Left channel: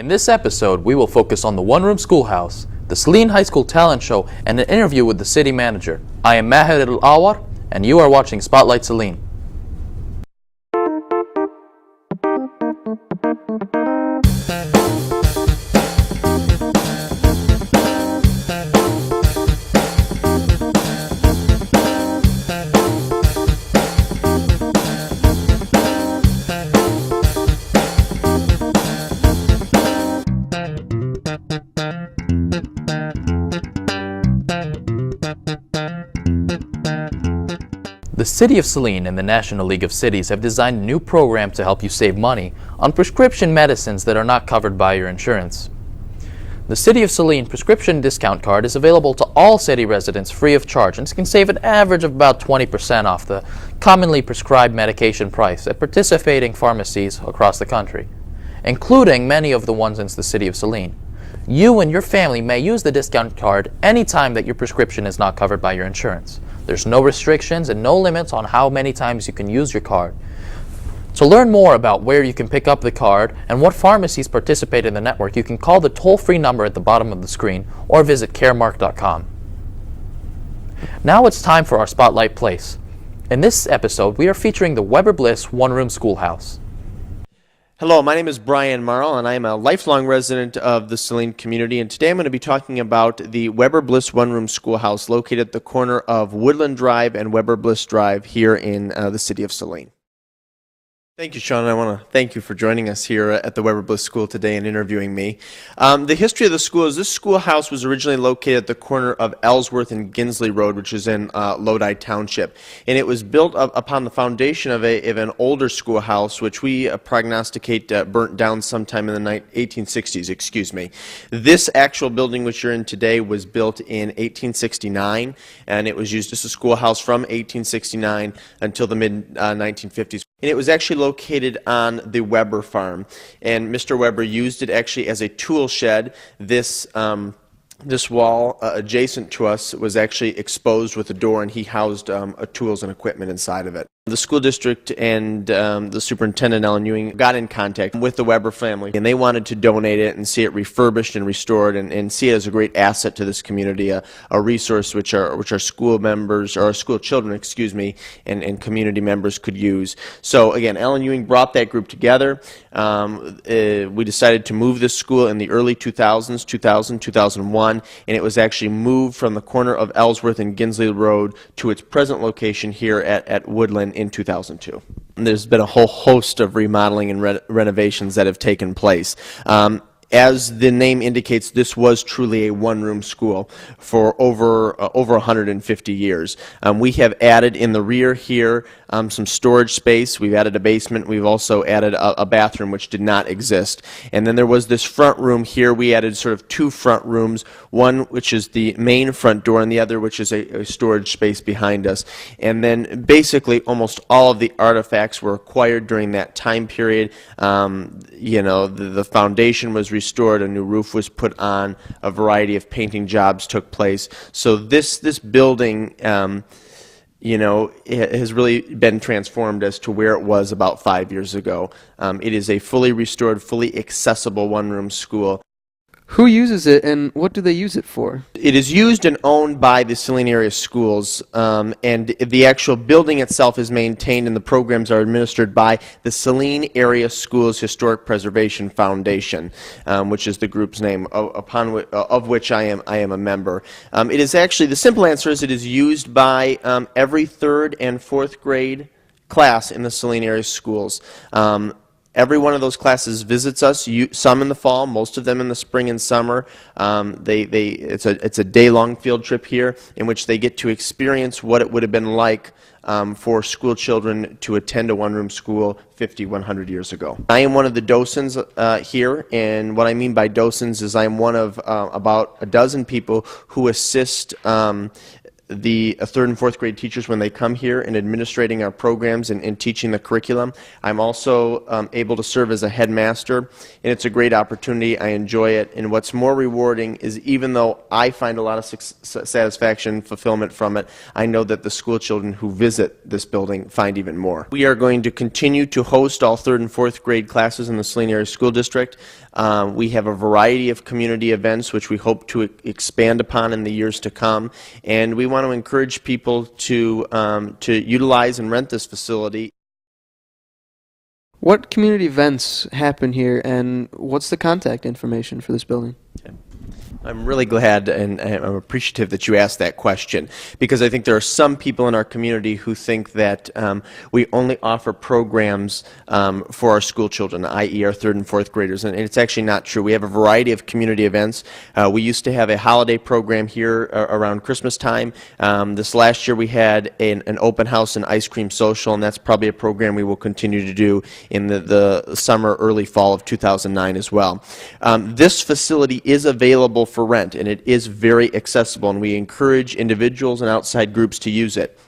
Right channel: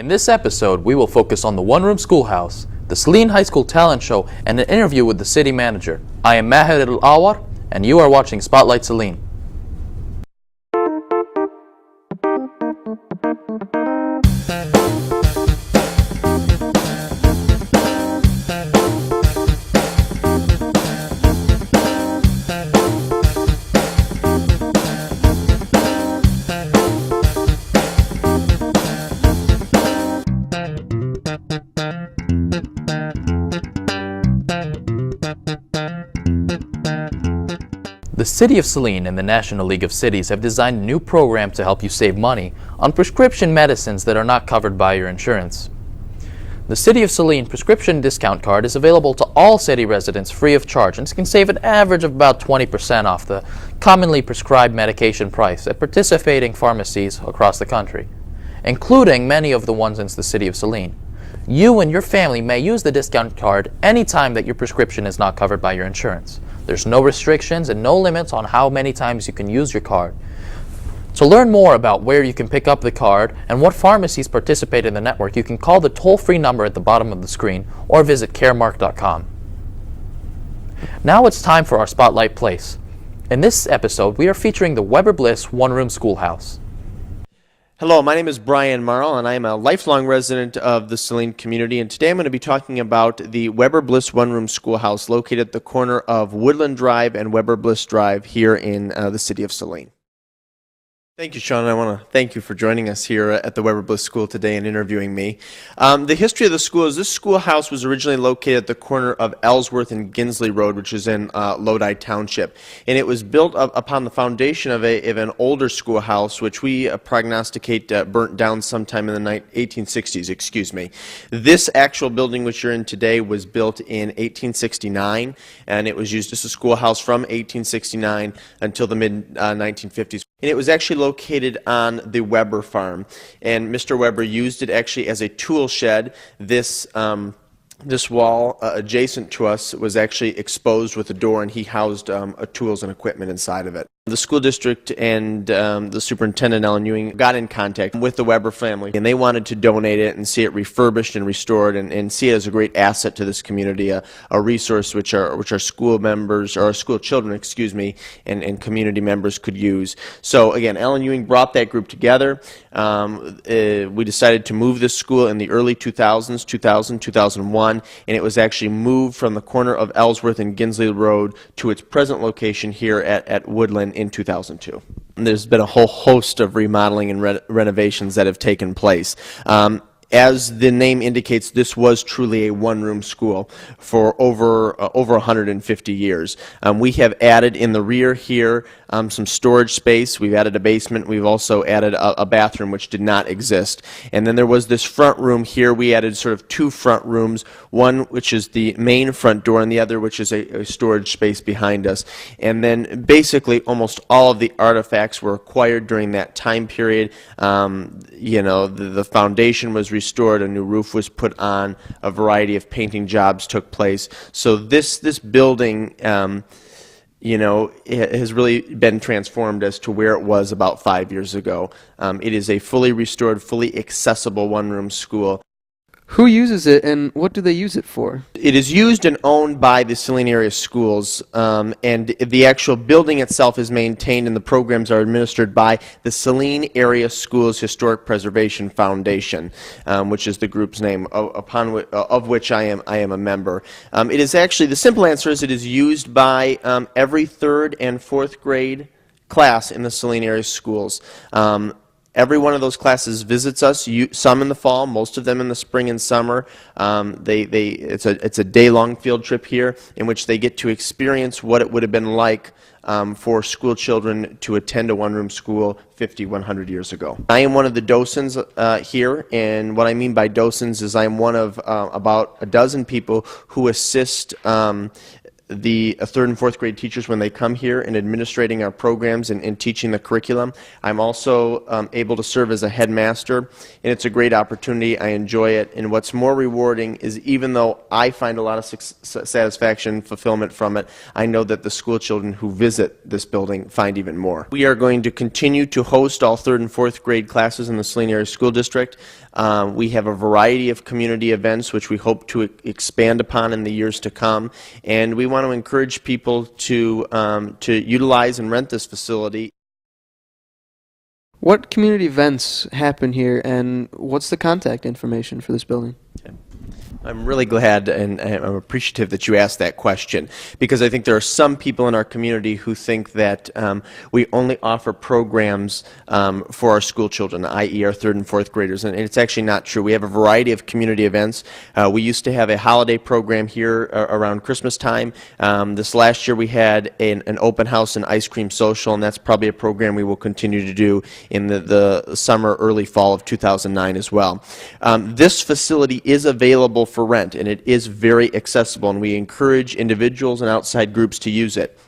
In this episode, we will focus on the one-room schoolhouse, the Saline High School talent show, and an interview with the city manager. I am Maher Al-Awar, and you are watching Spotlight Saline. The City of Saline and the National League of Cities have designed a new program to help you save money on prescription medicines that are not covered by your insurance. The City of Saline prescription discount card is available to all city residents free of charge and can save an average of about 20% off the commonly prescribed medication price at participating pharmacies across the country, including many of the ones in the City of Saline. You and your family may use the discount card anytime that your prescription is not covered by your insurance. There's no restrictions and no limits on how many times you can use your card. To learn more about where you can pick up the card and what pharmacies participate in the network, you can call the toll-free number at the bottom of the screen or visit caremark.com. Now it's time for our Spotlight Place. In this episode, we are featuring the Weber Bliss one-room schoolhouse. Hello, my name is Brian Marl, and I am a lifelong resident of the Saline community, and today I'm going to be talking about the Weber Bliss one-room schoolhouse located at the corner of Woodland Drive and Weber Bliss Drive here in the city of Saline. Thank you, Sean. I want to thank you for joining us here at the Weber Bliss School today and interviewing me. The history of the school is this schoolhouse was originally located at the corner of Ellsworth and Ginsley Road, which is in Lodi Township. And it was built upon the foundation of an older schoolhouse, which we prognosticate burnt down sometime in the 1860s. This actual building which you're in today was built in 1869, and it was used as a schoolhouse from 1869 until the mid-1950s. And it was actually located on the Weber farm, and Mr. Weber used it actually as a tool shed. This wall adjacent to us was actually exposed with a door, and he housed tools and equipment inside of it. The school district and the superintendent, Ellen Ewing, got in contact with the Weber family, and they wanted to donate it and see it refurbished and restored and see it as a great asset to this community, a resource which our school members, or our school children, and community members could use. So again, Ellen Ewing brought that group together. We decided to move this school in the early 2001, and it was actually moved from the corner of Ellsworth and Ginsley Road to its present location here at Woodland in 2002. And there's been a whole host of remodeling and renovations that have taken place. As the name indicates, this was truly a one-room school for over 150 years. We have added in the rear here some storage space. We've added a basement. We've also added a bathroom which did not exist. And then there was this front room here. We added sort of two front rooms, one which is the main front door and the other which is a storage space behind us. And then basically almost all of the artifacts were acquired during that time period. The foundation was restored, a new roof was put on, a variety of painting jobs took place. So this building it has really been transformed as to where it was about 5 years ago. It is a fully restored, fully accessible one-room school. Who uses it, and what do they use it for? It is used and owned by the Saline area schools, and the actual building itself is maintained, and the programs are administered by the Saline Area Schools Historic Preservation Foundation, which is the group's name, of which I am a member. It is actually, the simple answer is it is used by every 3rd and 4th grade class in the Saline area schools. Every one of those classes visits us, some in the fall, most of them in the spring and summer. It's a day-long field trip here in which they get to experience what it would have been like for school children to attend a one-room school 50, 100 years ago. I am one of the docents here, and what I mean by docents is I am one of about a dozen people who assist the 3rd and 4th grade teachers when they come here in administrating our programs and teaching the curriculum. I'm also able to serve as a headmaster, and it's a great opportunity. I enjoy it, and what's more rewarding is even though I find a lot of satisfaction, fulfillment from it, I know that the school children who visit this building find even more. We are going to continue to host all 3rd and 4th grade classes in the Saline Area School District. We have a variety of community events which we hope to expand upon in the years to come, and we want to encourage people to utilize and rent this facility. What community events happen here, and what's the contact information for this building? I'm really glad and I'm appreciative that you asked that question, because I think there are some people in our community who think that we only offer programs for our school children, i.e. our 3rd and 4th graders, and it's actually not true. We have a variety of community events. We used to have a holiday program here around Christmas time. This last year we had an open house and ice cream social, and that's probably a program we will continue to do in the summer, early fall of 2009 as well. This facility is available for rent, and it is very accessible, and we encourage individuals and outside groups to use it.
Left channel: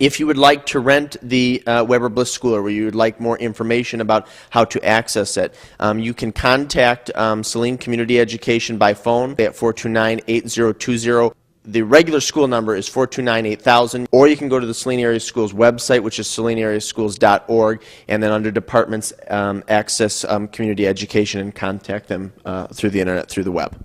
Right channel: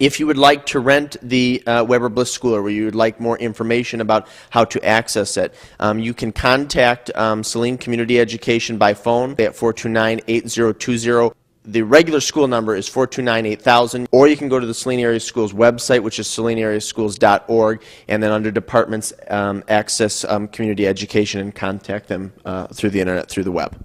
If you would like to rent the Weber Bliss School, or you would like more information about how to access it, you can contact Saline Community Education by phone at 429-8020. The regular school number is 429-8000, or you can go to the Saline Area Schools website, which is salineareaschools.org, and then under departments, access community education and contact them through the internet, through the web.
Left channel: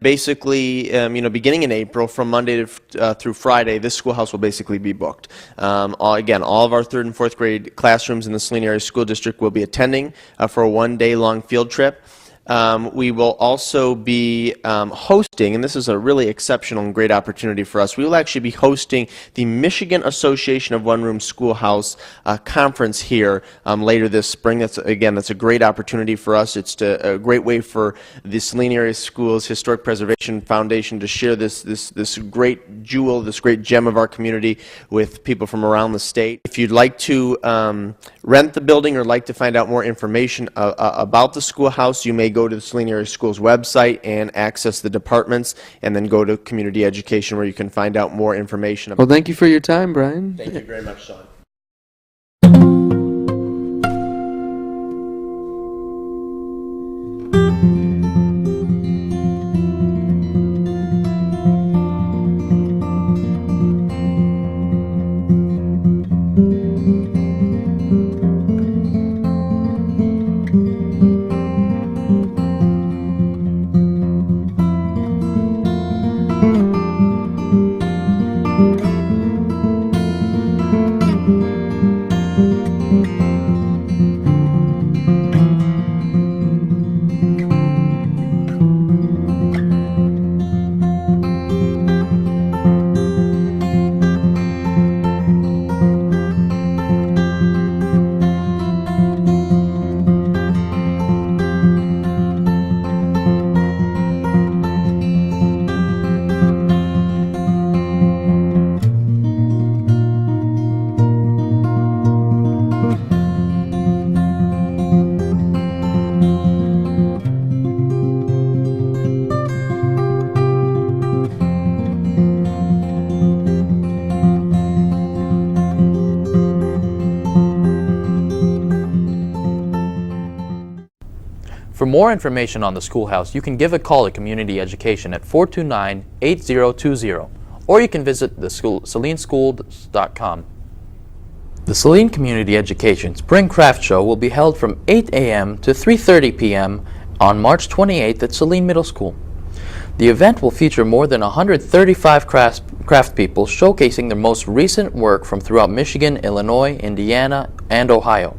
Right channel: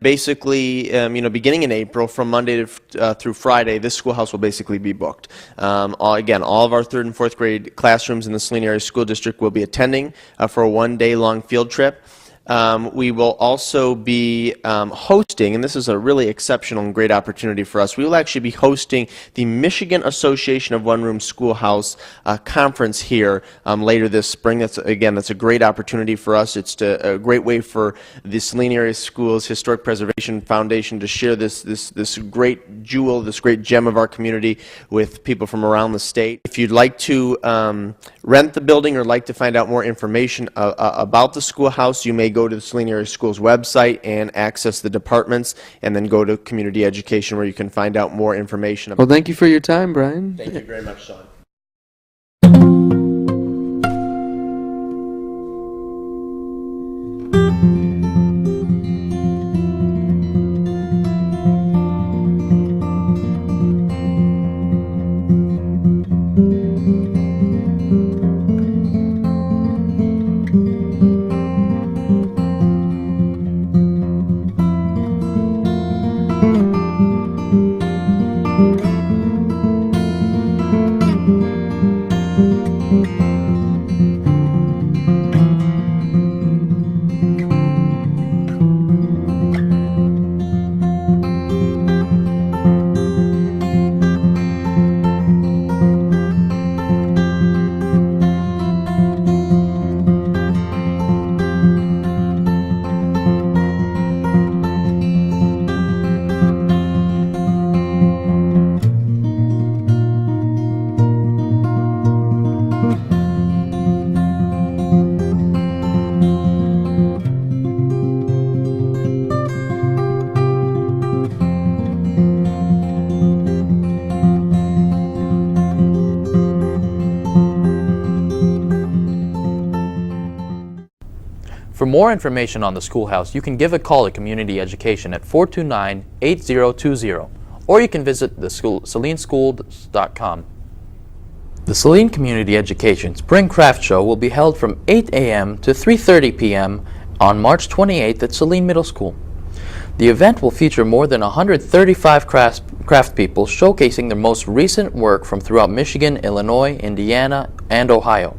Basically, beginning in April, from Monday through Friday, this schoolhouse will basically be booked. Again, all of our 3rd and 4th grade classrooms in the Saline Area School District will be attending for a one-day-long field trip. We will also be hosting, and this is a really exceptional and great opportunity for us, we will actually be hosting the Michigan Association of One-Room Schoolhouse conference here later this spring. That's a great opportunity for us. It's a great way for the Saline Area Schools Historic Preservation Foundation to share this great jewel, this great gem of our community with people from around the state. If you'd like to rent the building or like to find out more information about the schoolhouse, you may go to the Saline Area Schools website and access the departments, and then go to community education where you can find out more information. Well, thank you for your time, Brian. Thank you very much, Sean. For more information on the schoolhouse, you can give a call to Community Education at 429-8020, or you can visit the salineschools.com. The Saline Community Education Spring Craft Show will be held from 8 a.m. to 3:30 p.m. on March 28th at Saline Middle School. The event will feature more than 135 craft people showcasing their most recent work from throughout Michigan, Illinois, Indiana, and Ohio.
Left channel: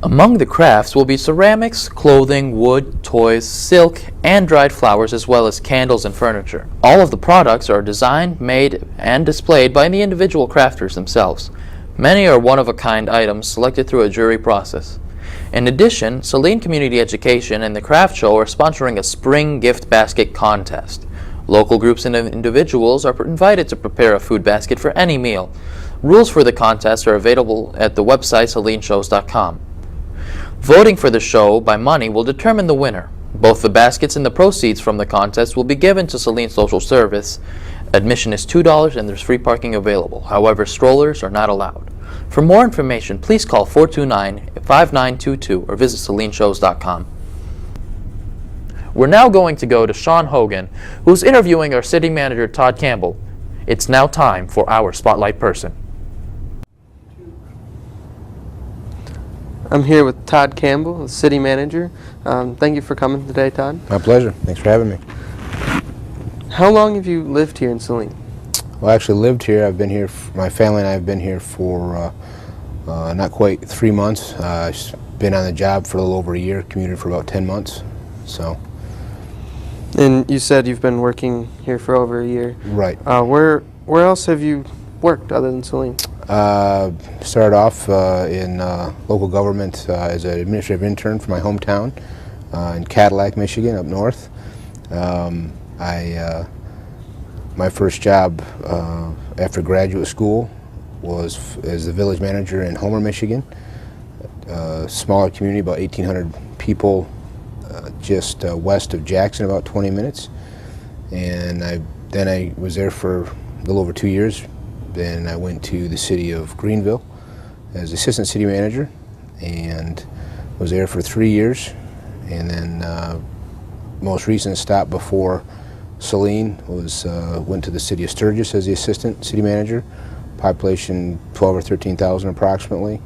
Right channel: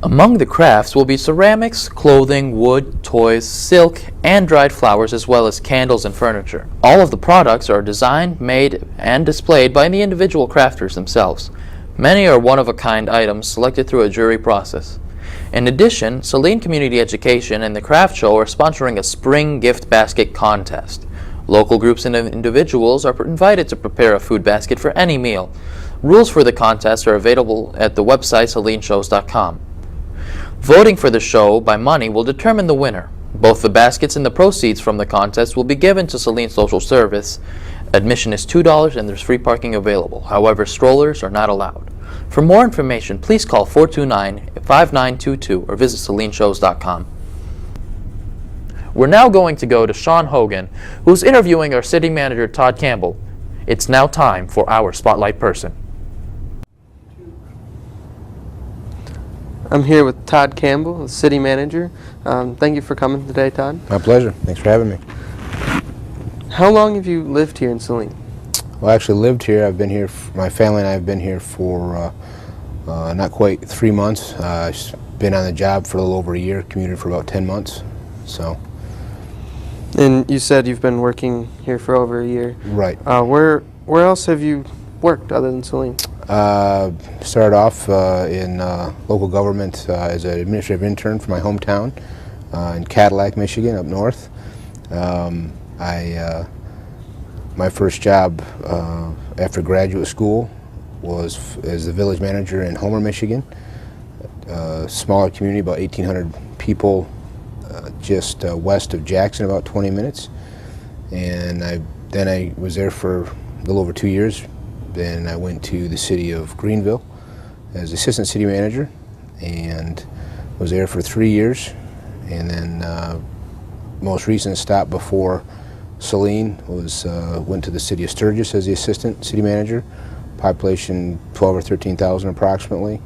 Among the crafts will be ceramics, clothing, wood, toys, silk, and dried flowers, as well as candles and furniture. All of the products are designed, made, and displayed by the individual crafters themselves. Many are one-of-a-kind items selected through a jury process. In addition, Saline Community Education and the Craft Show are sponsoring a spring gift basket contest. Local groups and individuals are invited to prepare a food basket for any meal. Rules for the contest are available at the website salineshows.com. Voting for the show by money will determine the winner. Both the baskets and the proceeds from the contest will be given to Saline Social Service. Admission is $2 and there's free parking available. However, strollers are not allowed. For more information, please call 429-5922 or visit salineshows.com. We're now going to go to Sean Hogan, who's interviewing our city manager, Todd Campbell. It's now time for our Spotlight Person. I'm here with Todd Campbell, the city manager. Thank you for coming today, Todd. My pleasure. Thanks for having me. How long have you lived here in Saline? Well, I actually lived here. I've been here, my family and I have been here for not quite 3 months. I've been on the job for a little over a year, commuted for about 10 months. So. And you said you've been working here for over a year. Right. Where else have you worked other than Saline? Started off in local government as an administrative intern for my hometown in Cadillac, Michigan, up north. My first job after graduate school was as the village manager in Homer, Michigan. A smaller community, about 1,800 people, just west of Jackson, about 20 minutes. And then I was there for a little over 2 years. Then I went to the city of Greenville as assistant city manager and was there for 3 years. And then most recent stop before Saline was went to the city of Sturgis as the assistant city manager. Population 12 or 13,000 approximately.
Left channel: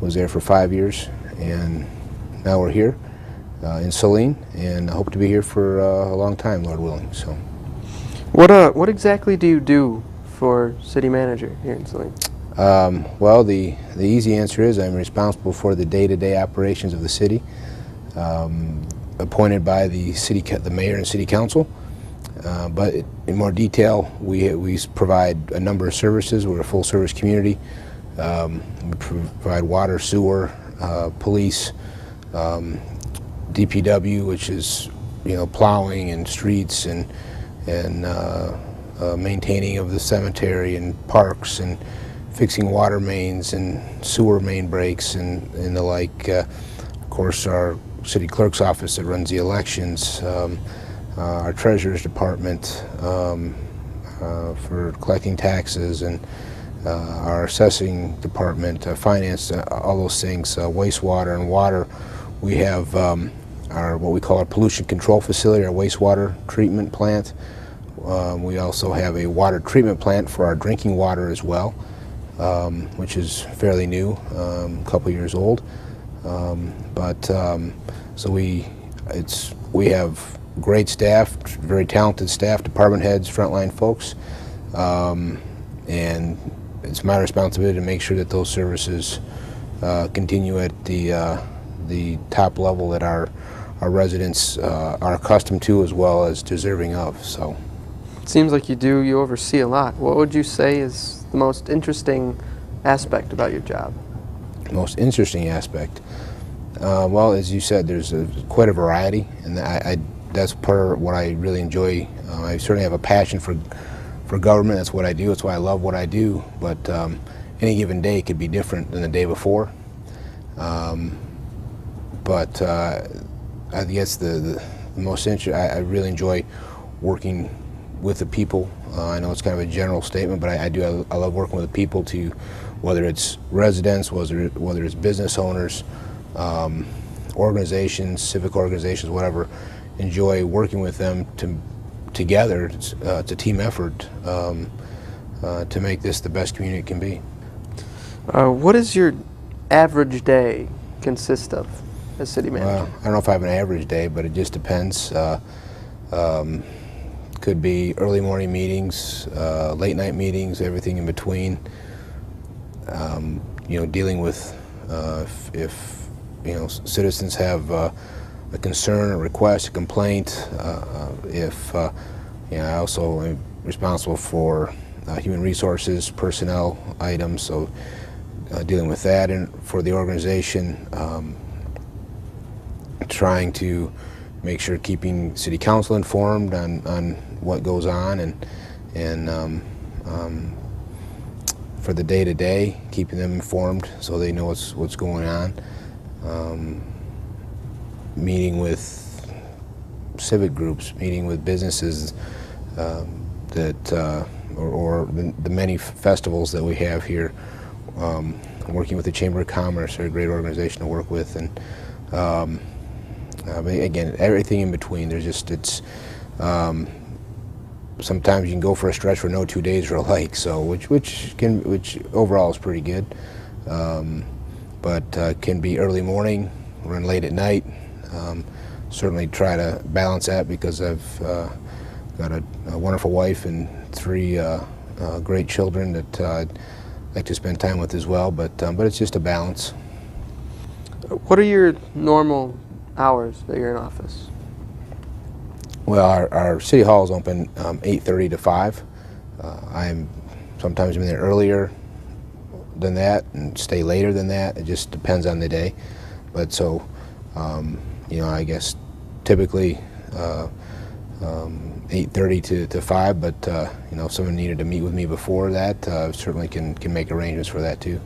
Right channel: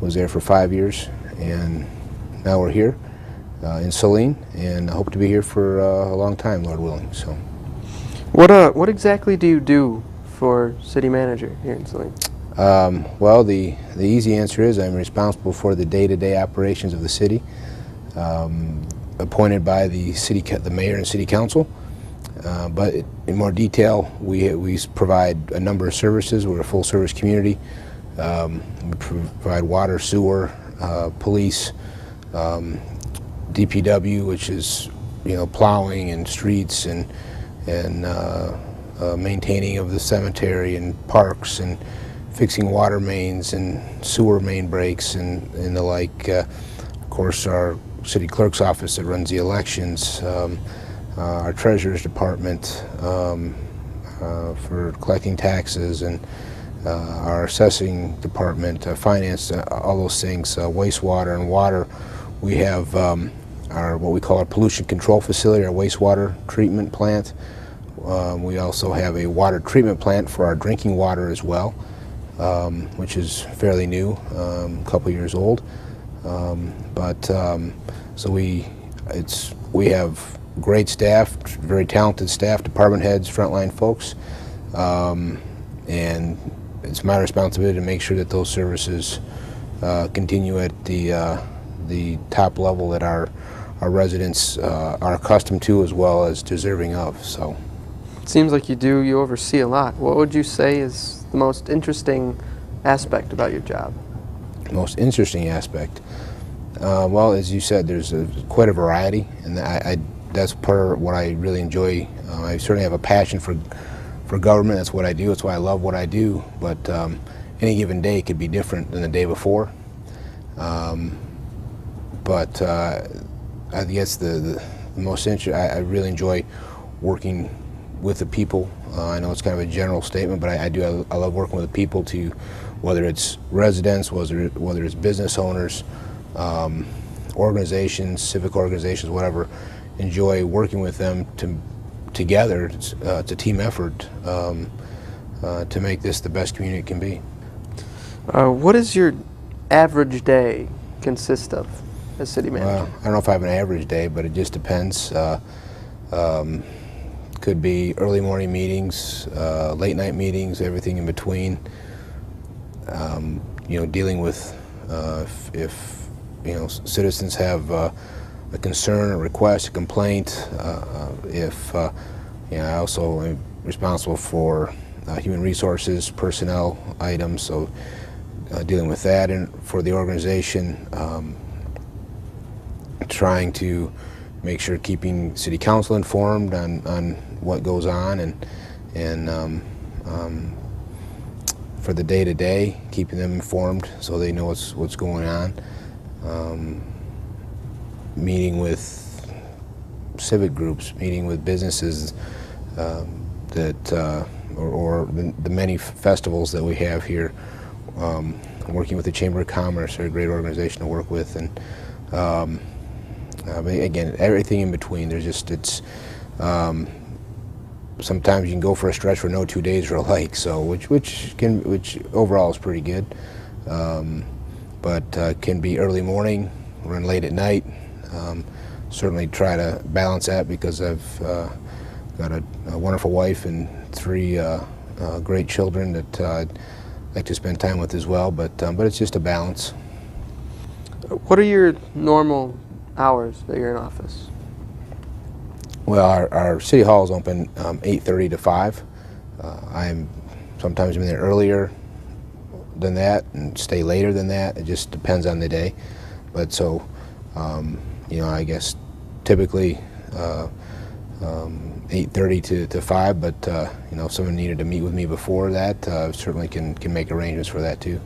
Was there for 5 years, and now we're here in Saline, and I hope to be here for a long time, Lord willing. So, what exactly do you do for city manager here in Saline? Well, the easy answer is I'm responsible for the day-to-day operations of the city, appointed by the mayor and city council. But in more detail, we provide a number of services. We're a full-service community. We provide water, sewer, police, DPW, which is plowing and streets and maintaining of the cemetery and parks and fixing water mains and sewer main breaks and the like. Of course, our city clerk's office that runs the elections. Our treasurer's department for collecting taxes, and our assessing department, finance, all those things, wastewater and water. We have what we call our pollution control facility, our wastewater treatment plant. We also have a water treatment plant for our drinking water as well, which is fairly new, a couple years old. So we have great staff, very talented staff, department heads, frontline folks, and it's my responsibility to make sure that those services continue at the top level that our residents are accustomed to as well as deserving of. So, it seems like you oversee a lot. What would you say is the most interesting aspect about your job? Most interesting aspect? Well, as you said, there's quite a variety, and that's part of what I really enjoy. I certainly have a passion for government. That's what I do. That's why I love what I do. But any given day could be different than the day before. I guess the most interesting, I really enjoy working with the people. I know it's kind of a general statement, but I love working with the people, to whether it's residents, whether it's business owners, organizations, civic organizations, whatever. Enjoy working with them together. It's a team effort to make this the best community it can be. What does your average day consist of as city manager? Well, I don't know if I have an average day, but it just depends. Could be early morning meetings, late night meetings, everything in between. Dealing with if citizens have a concern, a request, a complaint. I also am responsible for human resources, personnel items, so dealing with that, and for the organization, trying to make sure keeping city council informed on what goes on, and for the day-to-day, keeping them informed so they know what's going on. Meeting with civic groups, meeting with businesses or the many festivals that we have here. Working with the Chamber of Commerce, they're a great organization to work with, and again, everything in between. Sometimes you can go for a stretch where no 2 days are alike, so which overall is pretty good. but can be early morning, run late at night. Certainly try to balance that because I've got a wonderful wife and 3 great children that I'd like to spend time with as well, but it's just a balance. What are your normal hours that you're in office? Well, our city hall is open 8:30 to 5. Sometimes I'm in there earlier than that and stay later than that. It just depends on the day. But so, I guess typically 8:30 to 5, but if someone needed to meet with me before that, certainly can make arrangements for that too.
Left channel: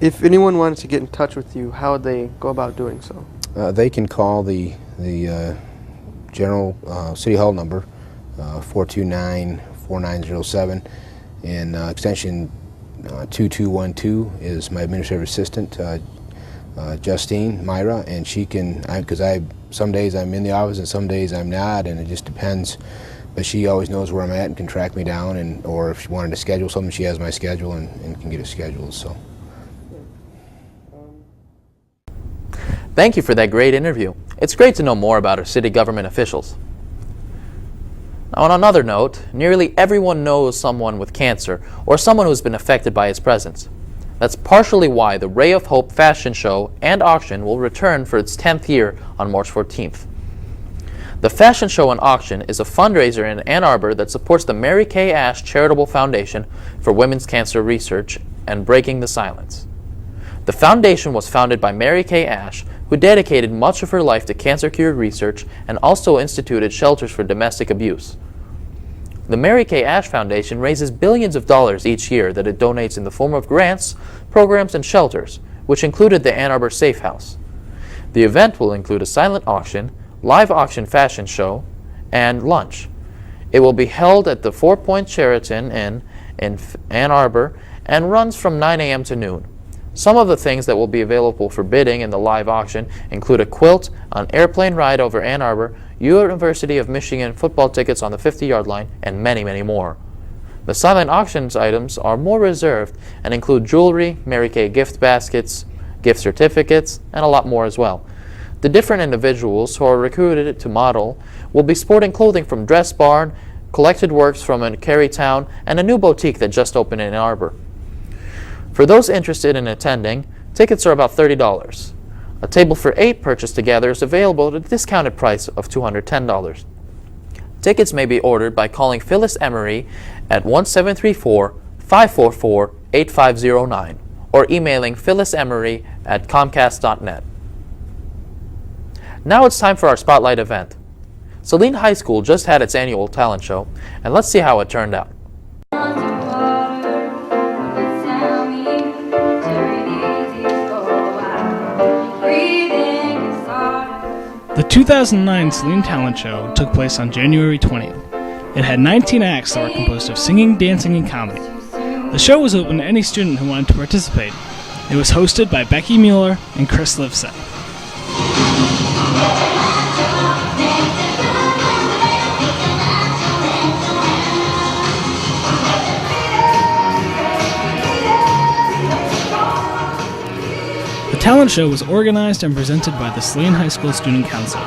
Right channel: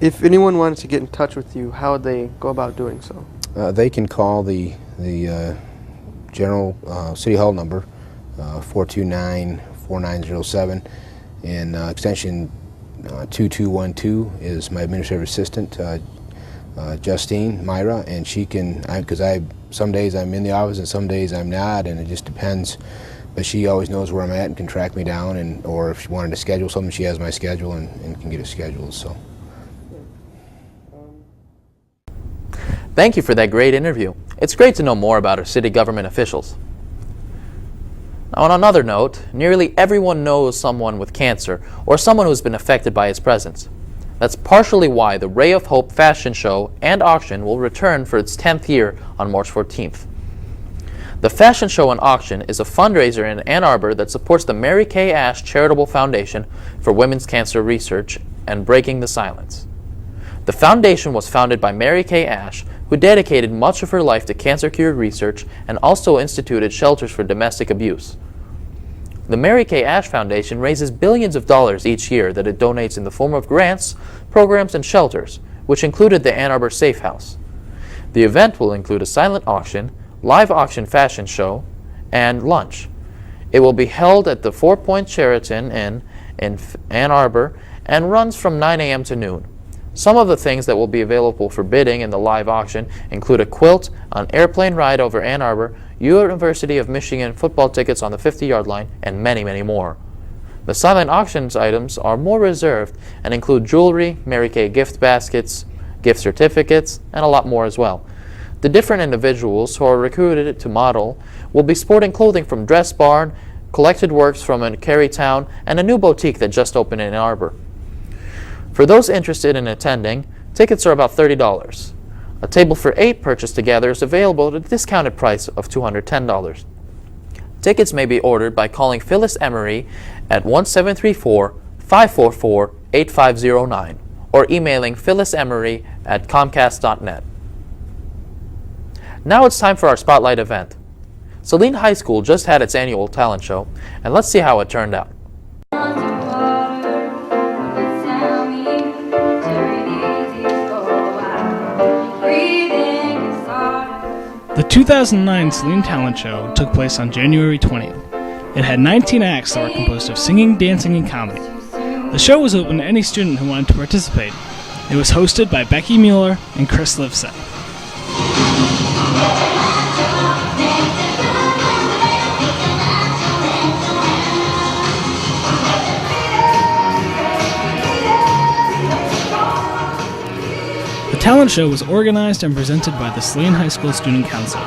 If anyone wanted to get in touch with you, how would they go about doing so? They can call the general City Hall number, 429-4907, and extension 2212 is my administrative assistant, Justine Myra, and she can, because some days I'm in the office and some days I'm not, and it just depends. But she always knows where I'm at and can track me down, or if she wanted to schedule something, she has my schedule and can get it scheduled. So. Thank you for that great interview. It's great to know more about our city government officials. Now, on another note, nearly everyone knows someone with cancer or someone who's been affected by its presence. That's partially why the Ray of Hope fashion show and auction will return for its 10th year on March 14th. The fashion show and auction is a fundraiser in Ann Arbor that supports the Mary Kay Ash Charitable Foundation for Women's Cancer Research and Breaking the Silence. The foundation was founded by Mary Kay Ash, who dedicated much of her life to cancer cure research and also instituted shelters for domestic abuse. The Mary Kay Ash Foundation raises billions of dollars each year that it donates in the form of grants, programs, and shelters, which included the Ann Arbor Safe House. The event will include a silent auction, live auction fashion show, and lunch. It will be held at the 4 Point Sheraton Inn in Ann Arbor and runs from 9 a.m. to noon. Some of the things that will be available for bidding in the live auction include a quilt, an airplane ride over Ann Arbor, University of Michigan football tickets on the 50-yard line, and many, many more. The silent auctions items are more reserved and include jewelry, Mary Kay gift baskets, gift certificates, and a lot more as well. The different individuals who are recruited to model will be sporting clothing from Dress Barn, collected works from Carytown, and a new boutique that just opened in Ann Arbor. For those interested in attending, tickets are about $30. A table for 8 purchased together is available at a discounted price of $210. Tickets may be ordered by calling Phyllis Emery at 1-734-544-8509 or emailing phyllisemery@comcast.net. Now it's time for our Spotlight event. Saline High School just had its annual talent show, and let's see how it turned out. The 2009 Saline Talent Show took place on January 20th. It had 19 acts that were composed of singing, dancing, and comedy. The show was open to any student who wanted to participate. It was hosted by Becky Mueller and Chris Livesey. The talent show was organized and presented by the Saline High School Student Council.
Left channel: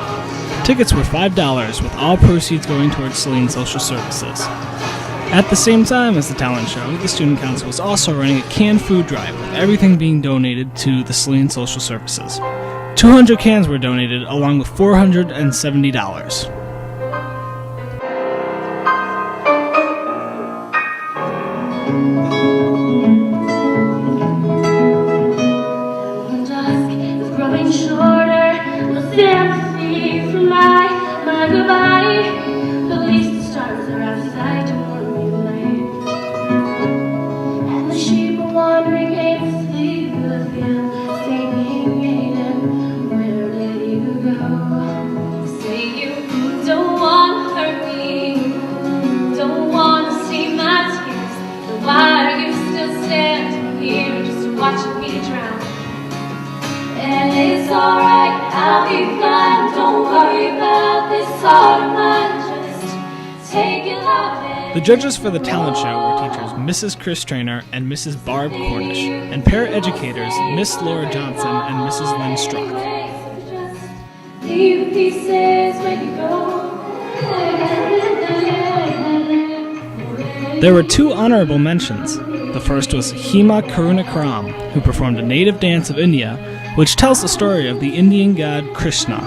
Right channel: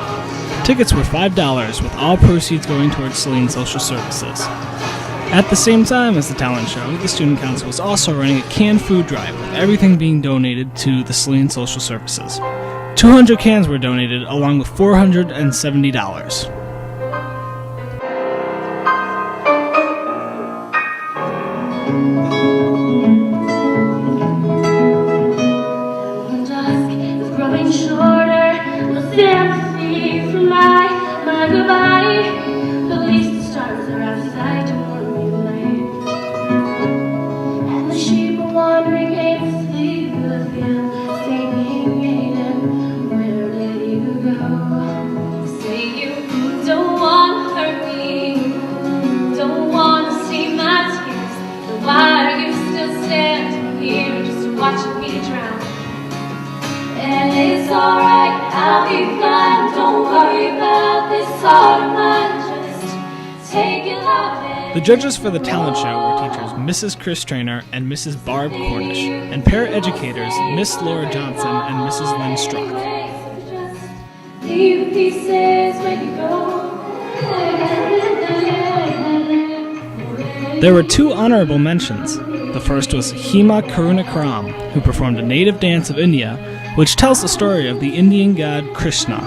Tickets were $5, with all proceeds going towards Saline Social Services. At the same time as the talent show, the Student Council was also running a canned food drive, with everything being donated to the Saline Social Services. 200 cans were donated, along with $470. Watching me drown, and it's alright, I'll be fine. Don't worry about this heart of mine, just take it out there. The judges for the talent show were teachers Mrs. Chris Trainer and Mrs. Barb Cornish, and para-educators Miss Laura Johnson and Mrs. Lynn Strock. Leave the pieces when you go. There were 2 honorable mentions. The first was Hema Karunakaram, who performed a native dance of India, which tells the story of the Indian god Krishna.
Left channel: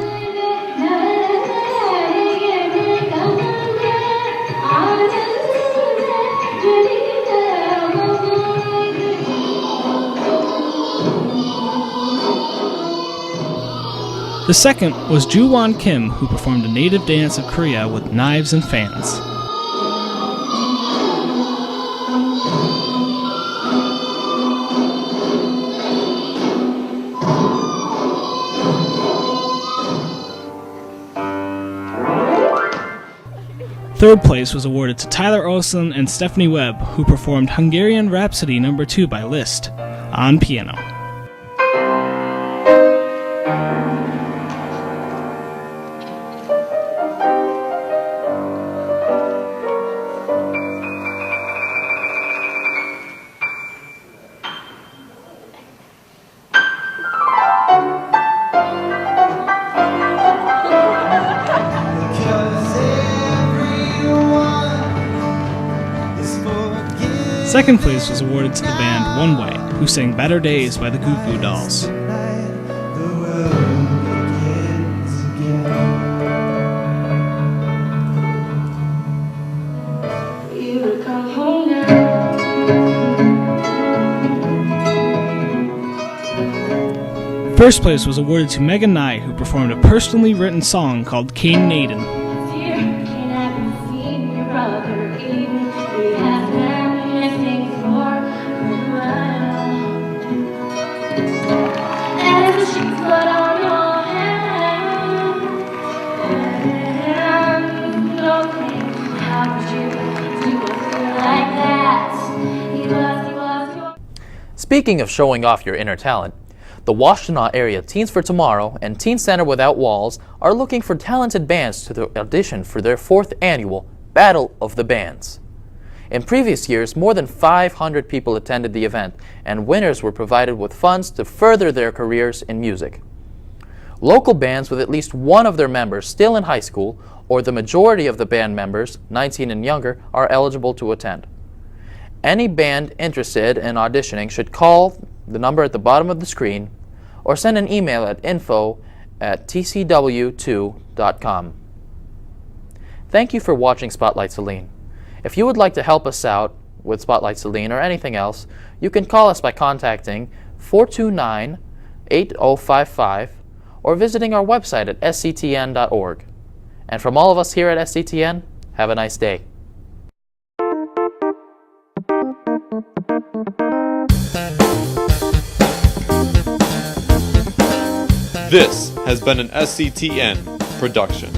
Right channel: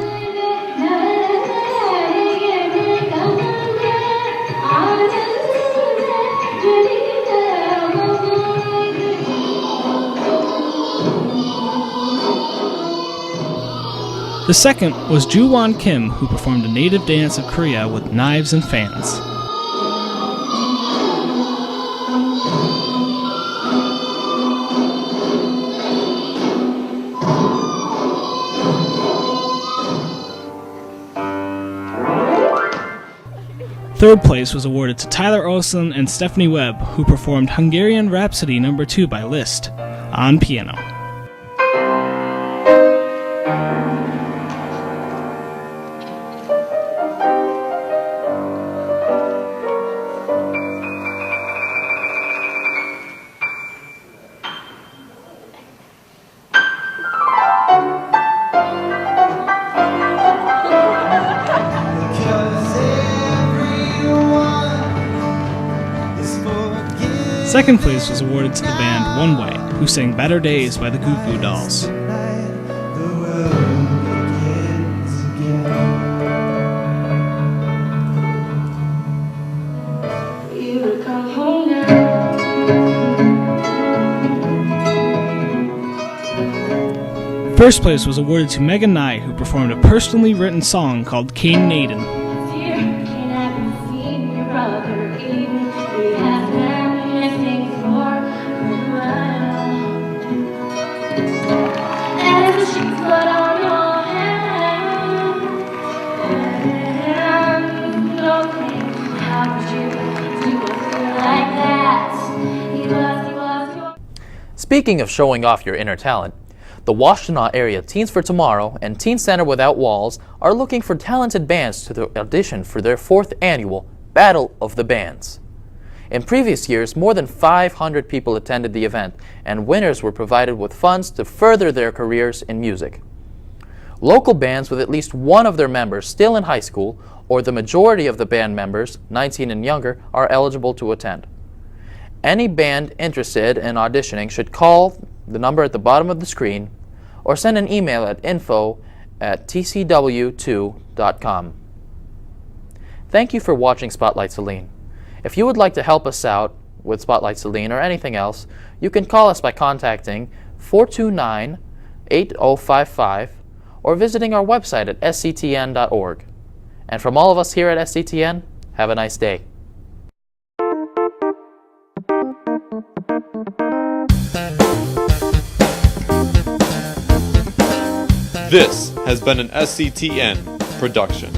The second was Ju-won Kim, who performed a native dance of Korea with knives and fans. Third place was awarded to Tyler Olson and Stephanie Webb, who performed Hungarian Rhapsody No. 2 by Liszt on piano. Second place was awarded to the band One Way, who sang Better Days by the Goo Goo Dolls. First place was awarded to Megan Nye, who performed a personally written song called Cain Naden. Speaking of showing off your inner talent, the Washtenaw Area Teens for Tomorrow and Teen Center Without Walls are looking for talented bands to audition for their 4th annual Battle of the Bands. In previous years, more than 500 people attended the event, and winners were provided with funds to further their careers in music. Local bands with at least one of their members still in high school, or the majority of the band members, 19 and younger, are eligible to attend. Any band interested in auditioning should call the number at the bottom of the screen or send an email at info@tcw2.com. Thank you for watching Spotlight Saline. If you would like to help us out with Spotlight Saline or anything else, you can call us by contacting 429-8055 or visiting our website at sctn.org. And from all of us here at SCTN, have a nice day. This has been an SCTN production.